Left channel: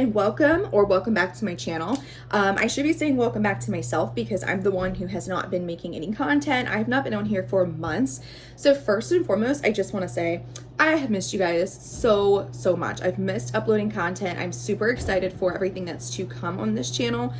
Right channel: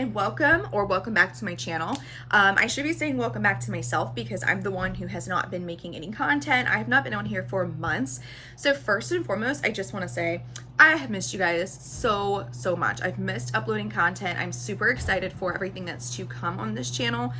and welcome back to my channel. I should be saying welcome back to myself because I'm the one who has not been making any content. I have not been on here for months. So first and foremost, I just want to say I have missed you guys so much. I've missed uploading content. I'm super excited for everything that's to come on this channel.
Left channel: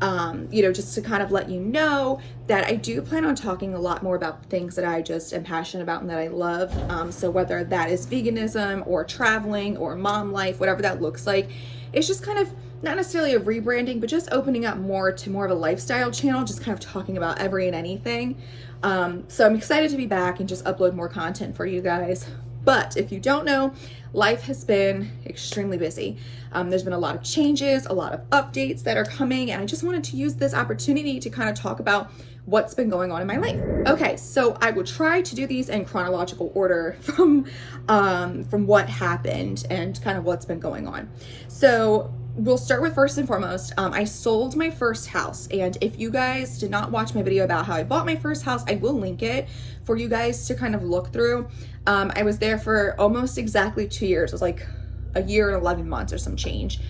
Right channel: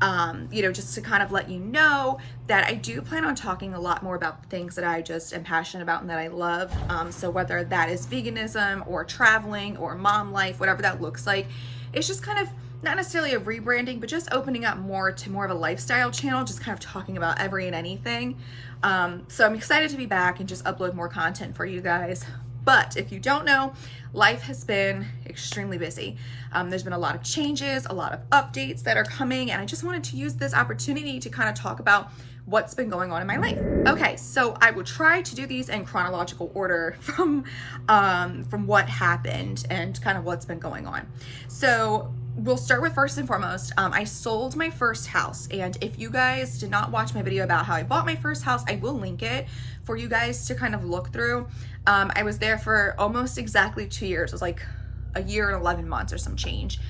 Just to kind of let you know that I do plan on talking a lot more about things that I just am passionate about and that I love. So whether that is veganism or traveling or mom life, whatever that looks like, it's just kind of not necessarily a rebranding, but just opening up more to more of a lifestyle channel, just kind of talking about every and anything. So I'm excited to be back and just upload more content for you guys. But if you don't know, life has been extremely busy. There's been a lot of changes, a lot of updates that are coming, and I just wanted to use this opportunity to kind of talk about what's been going on in my life. Okay, so I will try to do these in chronological order from what happened and kind of what's been going on. So we'll start with first and foremost, I sold my first house. And if you guys did not watch my video about how I bought my first house, I will link it for you guys to kind of look through. I was there for almost exactly 2 years. It was like a year and 11 months or some change.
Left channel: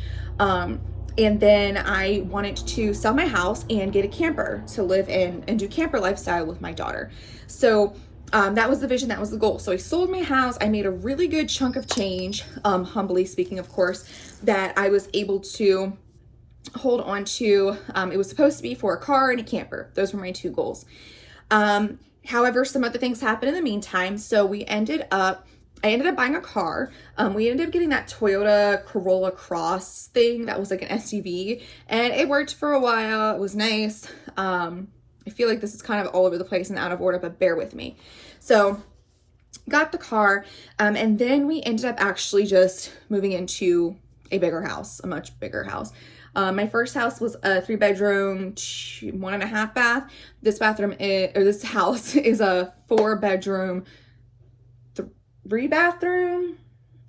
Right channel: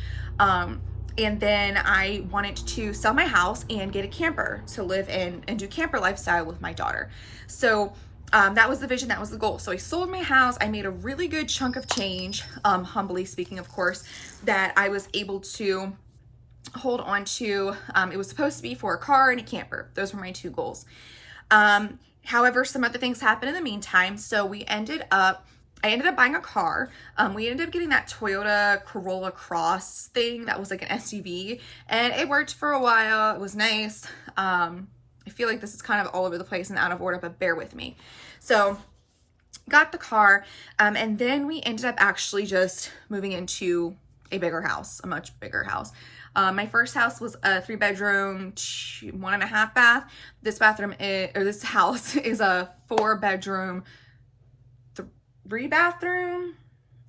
And then I wanted to sell my house and get a camper to live in and do camper lifestyle with my daughter. So that was the vision, that was the goal. So I sold my house. I made a really good chunk of change, humbly speaking, of course, that I was able to hold on to. It was supposed to be for a car and a camper. Those were my two goals. However, some other things happened in the meantime. So I ended up buying a car. We ended up getting that Toyota Corolla Cross thing that was like an SUV, and it worked for a while. It was nice. I feel like this is kind of all over the place and out of order, but bear with me. So got the car, and then we ended up actually just moving into a bigger house, a much bigger house. My first house was a 3-bedroom, 1.5 bath. This house is a 4-bedroom, 3-bathroom.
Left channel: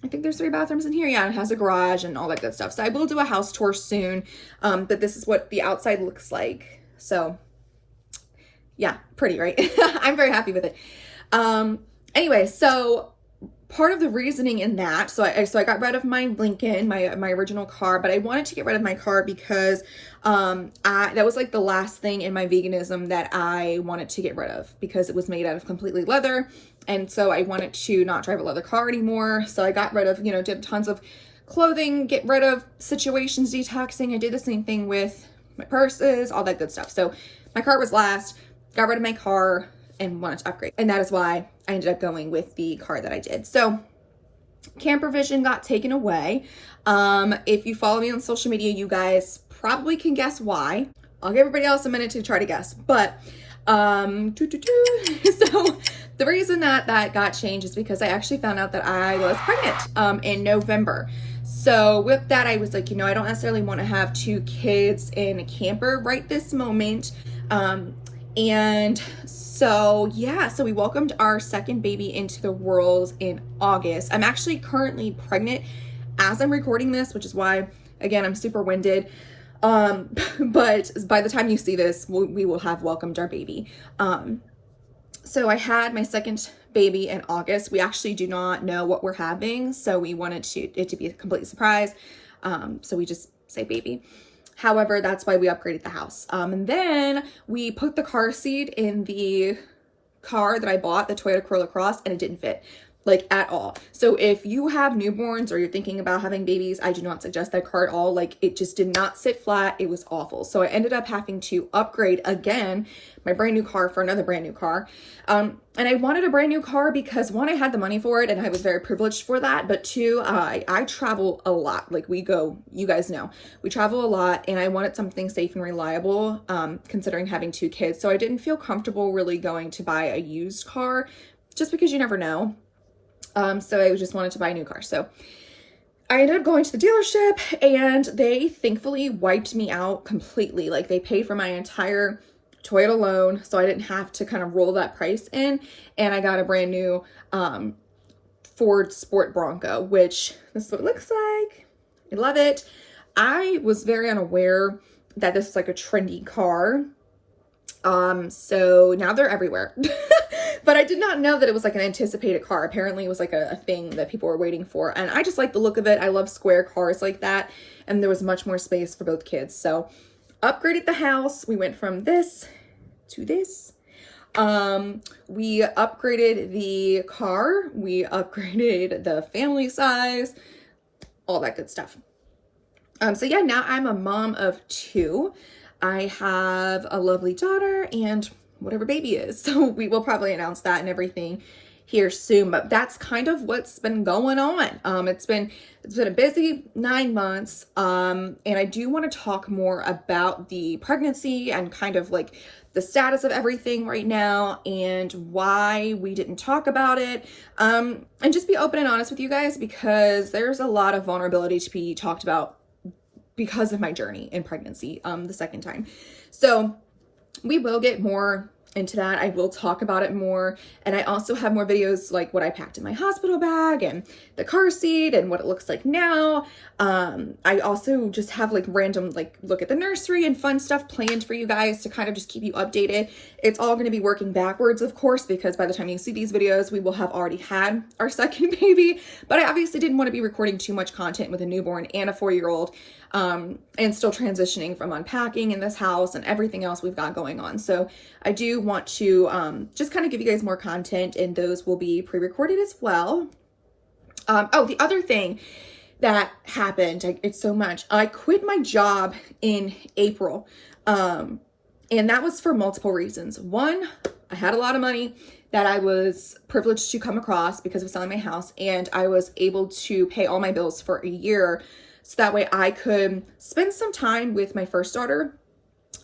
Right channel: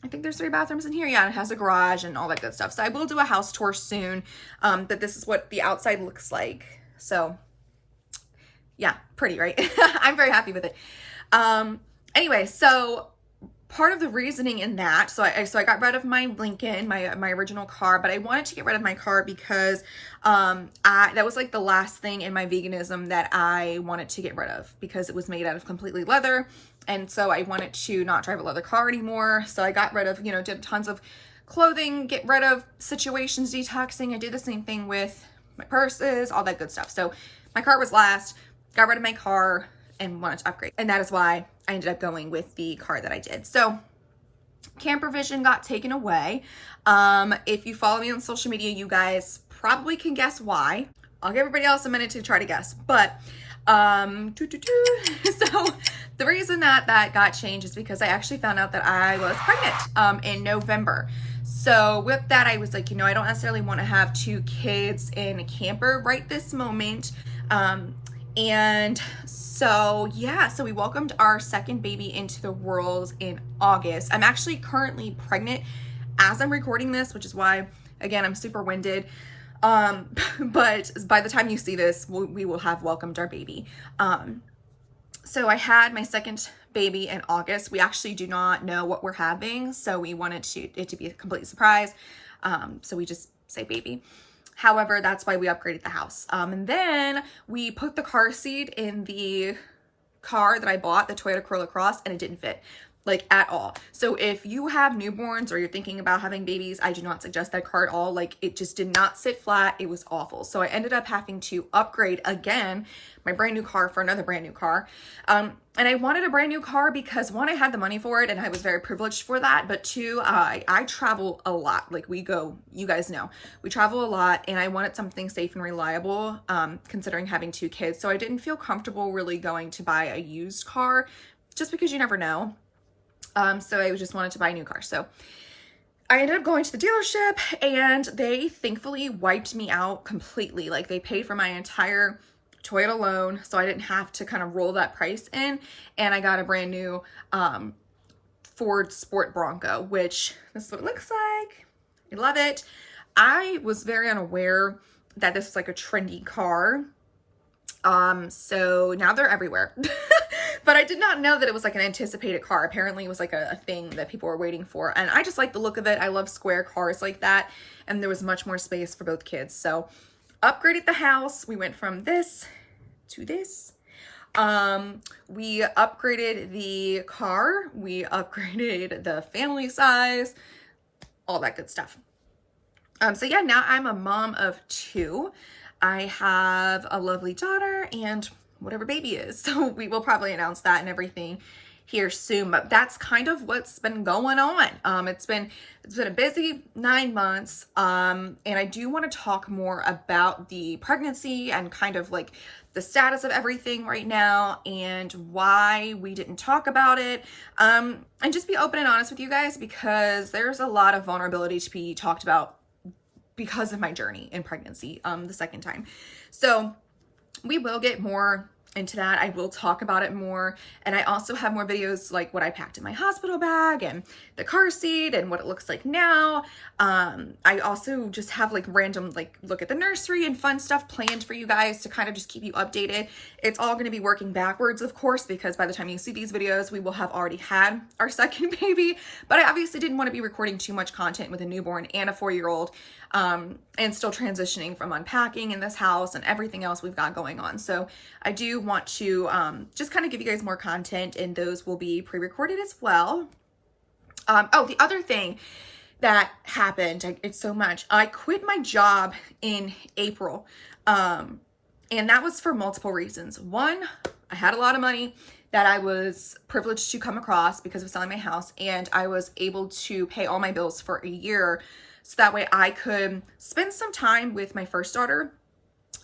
I think there's 3 bathrooms in here. Yeah, and it has a garage and all that good stuff. So I will do a house tour soon. But this is what the outside looks like. So yeah, pretty, right? I'm very happy with it. Anyway, so part of the reasoning in that, so I got rid of my Lincoln, my original car, but I wanted to get rid of my car because that was like the last thing in my veganism that I wanted to get rid of because it was made out of completely leather. And so I wanted to not drive a leather car anymore. So I got rid of, did tons of clothing, get rid of situations, detoxing. I did the same thing with my purses, all that good stuff. So my car was last, got rid of my car and wanted to upgrade. And that is why I ended up going with the car that I did. So camper vision got taken away. If you follow me on social media, you guys probably can guess why. I'll give everybody else a minute to try to guess. But so the reason that got changed is because I actually found out that I was pregnant in November. So with that, I was like, I don't necessarily want to have 2 kids in a camper right this moment. And so, yeah, so we welcomed our second baby into the world in August. I'm actually currently pregnant as I'm recording this, which is why, again, I'm super winded. But by the time you see this, we will have welcomed our baby. So I had my second baby in August. We actually do not know what we're having, so we wanted it to be a complete surprise. So we just say baby. However, that's why we upgraded the house. And then we put the car seat in the car that I bought, the Toyota Corolla Cross, and it didn't fit, like, at all. So if you have newborns or you're thinking about having babies, I do not suggest that car at all. Like, it just did not sit flat. It was awful. So I ended up having to upgrade again my brand new car for another brand new car. And I wanted a brand new car because 1, I had the money for it and I was very privileged for that. But 2, I travel a lot. Like, you guys know, we travel a lot, and I wanted something safe and reliable, considering having 2 kids. So I didn't feel comfortable really going to buy a used car just because you never know. So I just wanted to buy a new car. So I ended up going to the dealership, and they thankfully wiped me out completely. Like, they paid for my entire Toyota loan, so I didn't have to kind of roll that price in, and I got a brand new Ford Sport Bronco, which this is what it looks like. I love it. I was very unaware that this is like a trendy car, So now they're everywhere. But I did not know that it was like an anticipated car. Apparently it was like a thing that people were waiting for. And I just like the look of it. I love square cars like that. And there was much more space for both kids. So upgraded the house. We went from this to this. We upgraded the car. We upgraded the family size, all that good stuff. So yeah, now I'm a mom of 2. I have a lovely daughter and whatever baby is. So we will probably announce that and everything here soon, but that's kind of what's been going on. It's been a busy 9 months. And I do want to talk more about the pregnancy and kind of like the status of everything right now and why we didn't talk about it. And just be open and honest with you guys, because there's a lot of vulnerability to be talked about because of my journey in pregnancy, the second time. So we will get more into that. I will talk about it more. And I also have more videos like what I packed in my hospital bag and the car seat and what it looks like now. I also just have like random, like look at the nursery and fun stuff planned for you guys to kind of just keep you updated. It's all going to be working backwards, of course, because by the time you see these videos, we will have already had our second baby. But I obviously didn't want to be recording too much content with a newborn and a 4-year-old. And still transitioning from unpacking in this house and everything else we've got going on. So I do want to just kind of give you guys more content, and those will be pre-recorded as well. Oh, the other thing that happened, it's so much. I quit my job in April, and that was for multiple reasons. One, I had a lot of money that I was privileged to come across because of selling my house, and I was able to pay all my bills for a year. So that way I could spend some time with my first daughter.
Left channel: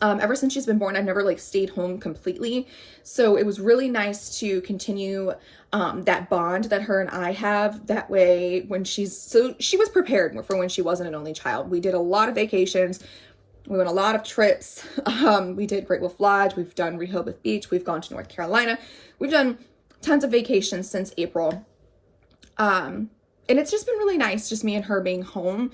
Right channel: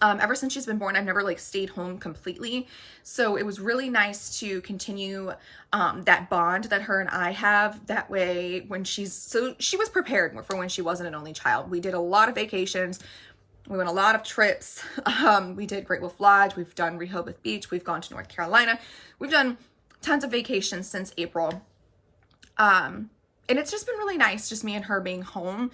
Ever since she's been born, I've never like stayed home completely. So it was really nice to continue that bond that her and I have. That way when she was prepared for when she wasn't an only child. We did a lot of vacations. We went a lot of trips. We did Great Wolf Lodge. We've done Rehoboth Beach. We've gone to North Carolina. We've done tons of vacations since April. And it's just been really nice, just me and her being home.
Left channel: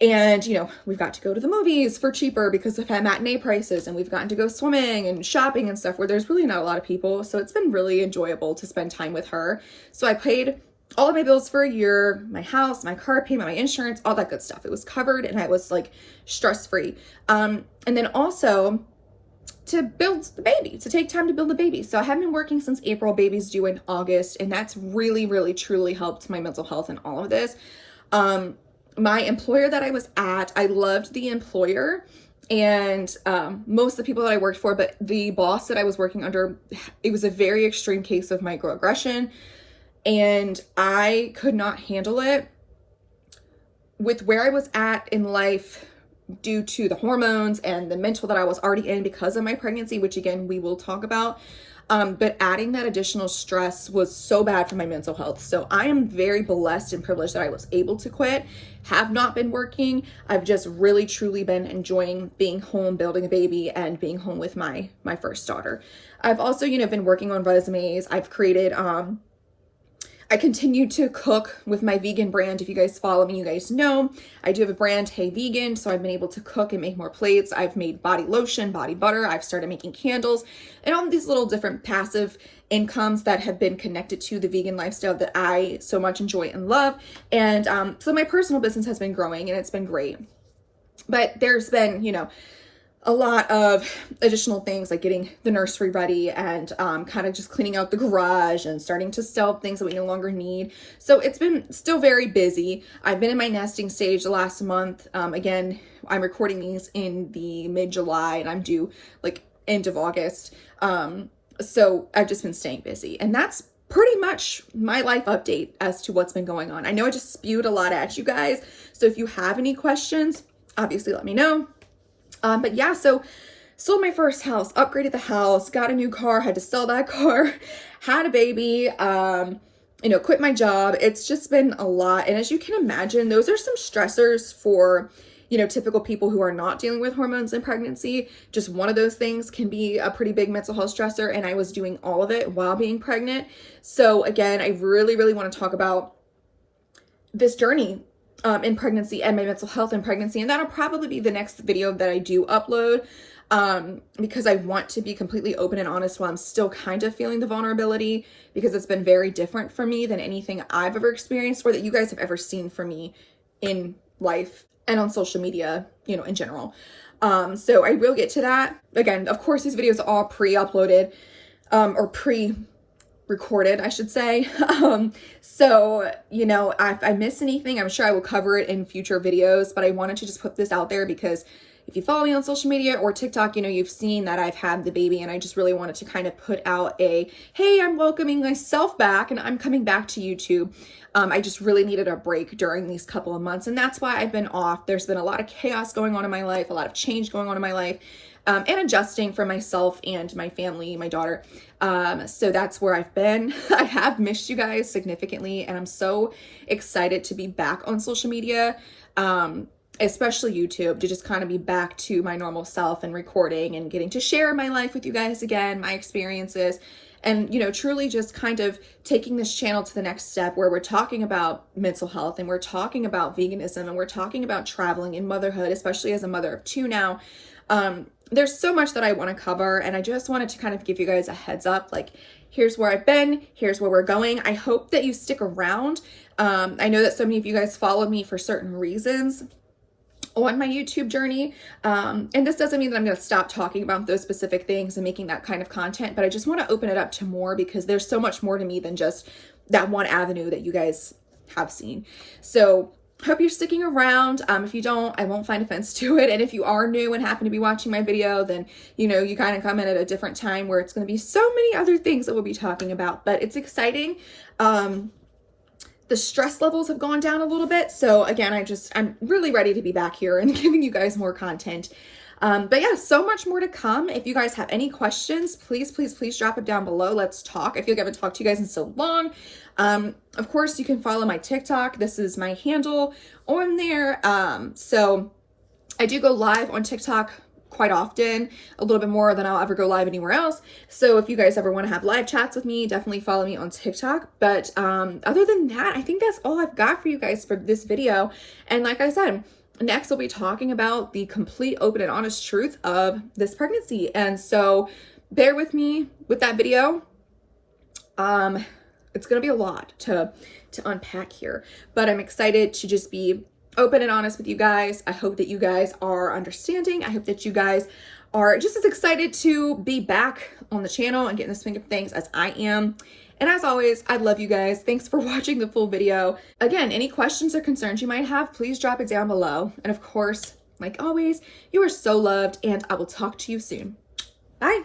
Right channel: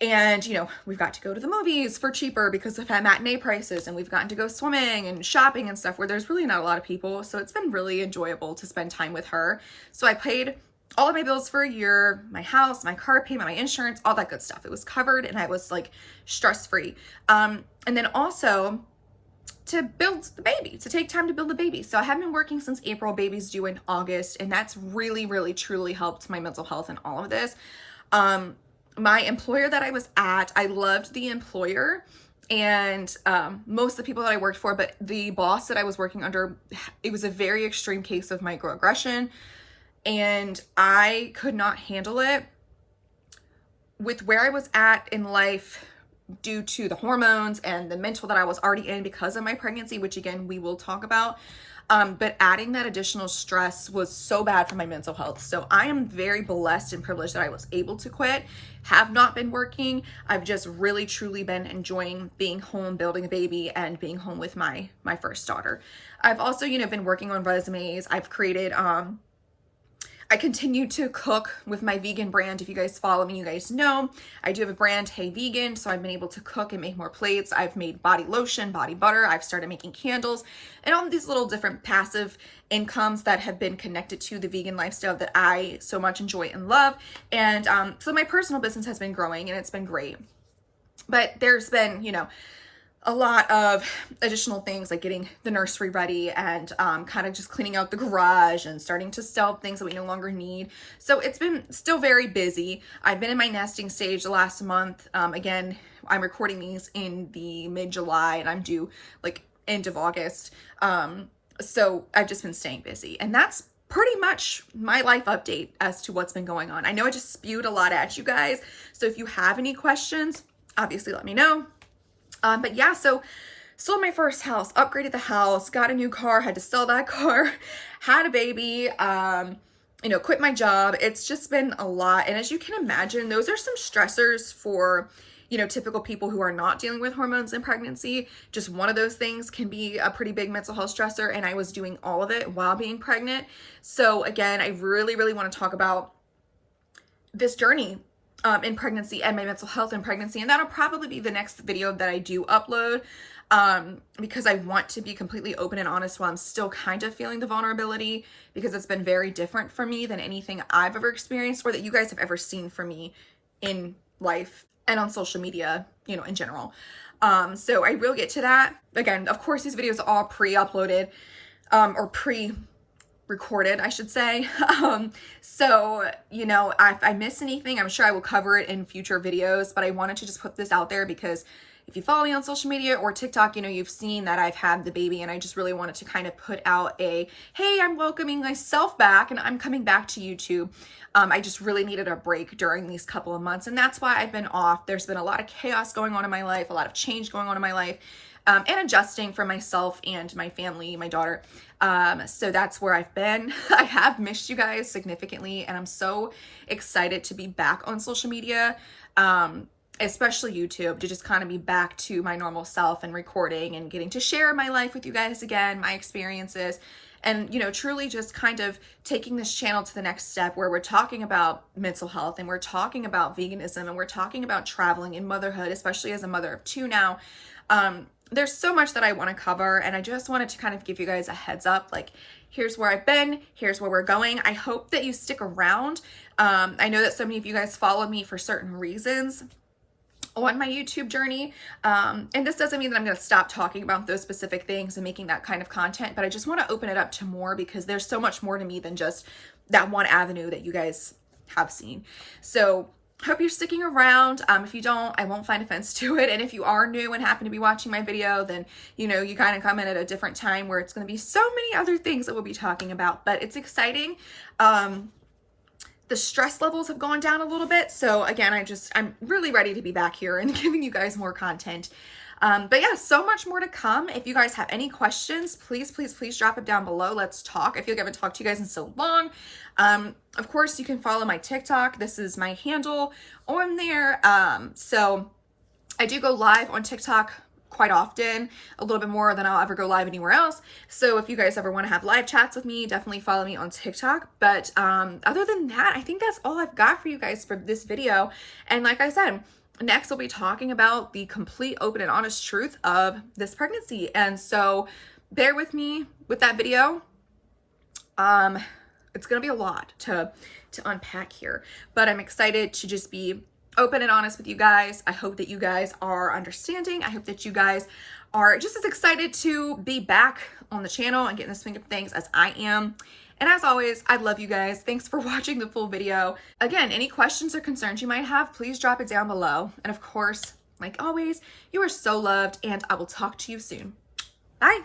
And, you know, we've got to go to the movies for cheaper because of matinee prices. And we've gotten to go swimming and shopping and stuff where there's really not a lot of people. So it's been really enjoyable to spend time with her. So I paid all of my bills for a year, my house, my car payment, my insurance, all that good stuff. It was covered and I was like stress-free. And then also to build the baby, to take time to build the baby. So I haven't been working since April. Baby's due in August, and that's really, really, truly helped my mental health and all of this. My employer that I was at, I loved the employer and most of the people that I worked for, but the boss that I was working under, it was a very extreme case of microaggression, and I could not handle it with where I was at in life due to the hormones and the mental that I was already in because of my pregnancy, which again, we will talk about. But adding that additional stress was so bad for my mental health. So I am very blessed and privileged that I was able to quit, have not been working. I've just really, truly been enjoying being home, building a baby, and being home with my first daughter. I've also, you know, been working on resumes. I've created, I continue to cook with my vegan brand. If you guys follow me, you guys know I do have a brand, Hey Vegan. So I've been able to cook and make more plates. I've made body lotion, body butter. I've started making candles and all of these little different passive incomes that have been connected to the vegan lifestyle that I so much enjoy and love. And so my personal business has been growing and it's been great. But there's been, you know, a lot of additional things like getting the nursery ready and kind of just cleaning out the garage and starting to sell things that we no longer need. So it's been still very busy. I've been in my nesting stage the last month. Again, I'm recording these in the mid-July and I'm due like end of August. So I've just been staying busy, and that's pretty much my life update as to what's been going on. I know I just spewed a lot at you guys. So if you have any questions, obviously let me know. But yeah, so sold my first house, upgraded the house, got a new car, had to sell that car, had a baby, you know, quit my job. It's just been a lot. And as you can imagine, those are some stressors for, you know, typical people who are not dealing with hormones in pregnancy. Just one of those things can be a pretty big mental health stressor. And I was doing all of it while being pregnant. So again, I really, really want to talk about this journey in pregnancy and my mental health in pregnancy. And that'll probably be the next video that I do upload. because I want to be completely open and honest while I'm still kind of feeling the vulnerability, because it's been very different for me than anything I've ever experienced or that you guys have ever seen from me in life and on social media, you know, in general. So I will get to that. Again, of course, these videos are all pre-uploaded, or pre-recorded, I should say. So, you know, if I miss anything, I'm sure I will cover it in future videos, but I wanted to just put this out there because if you follow me on social media or TikTok, you know, you've seen that I've had the baby, and I just really wanted to kind of put out a, hey, I'm welcoming myself back and I'm coming back to YouTube. I just really needed a break during these couple of months, and that's why I've been off. There's been a lot of chaos going on in my life, a lot of change going on in my life, and adjusting for myself and my family, my daughter. So that's where I've been. I have missed you guys significantly, and I'm so excited to be back on social media, especially YouTube, to just kind of be back to my normal self and recording and getting to share my life with you guys again, my experiences. And, you know, truly just kind of taking this channel to the next step where we're talking about mental health, and we're talking about veganism, and we're talking about traveling and motherhood, especially as a mother of 2 now. There's so much that I want to cover, and I just wanted to kind of give you guys a heads up, like, here's where I've been, here's where we're going. I hope that you stick around. I know that so many of you guys follow me for certain reasons on my YouTube journey. And this doesn't mean that I'm going to stop talking about those specific things and making that kind of content, but I just want to open it up to more, because there's so much more to me than just that one avenue that you guys have seen. So hope you're sticking around. If you don't, I won't find offense to it. And if you are new and happen to be watching my video, then, you know, you kind of come in at a different time where it's going to be so many other things that we'll be talking about, but it's exciting. The stress levels have gone down a little bit. So again, I'm really ready to be back here and giving you guys more content. But yeah, so much more to come. If you guys have any questions, please, please, please drop it down below. Let's talk. I feel like I haven't talked to you guys in so long. Of course, you can follow my TikTok. This is my handle on there. So I do go live on TikTok quite often, a little bit more than I'll ever go live anywhere else. So if you guys ever want to have live chats with me, definitely follow me on TikTok. But other than that, I think that's all I've got for you guys for this video. And like I said, next we'll be talking about the complete, open, and honest truth of this pregnancy. And so bear with me with that video. It's gonna be a lot to unpack here, but I'm excited to just be open and honest with you guys. I hope that you guys are understanding. I hope that you guys are just as excited to be back on the channel and getting the swing of things as I am. And as always, I love you guys. Thanks for watching the full video. Again, any questions or concerns you might have, please drop it down below. And of course, like always, you are so loved, and I will talk to you soon. Bye.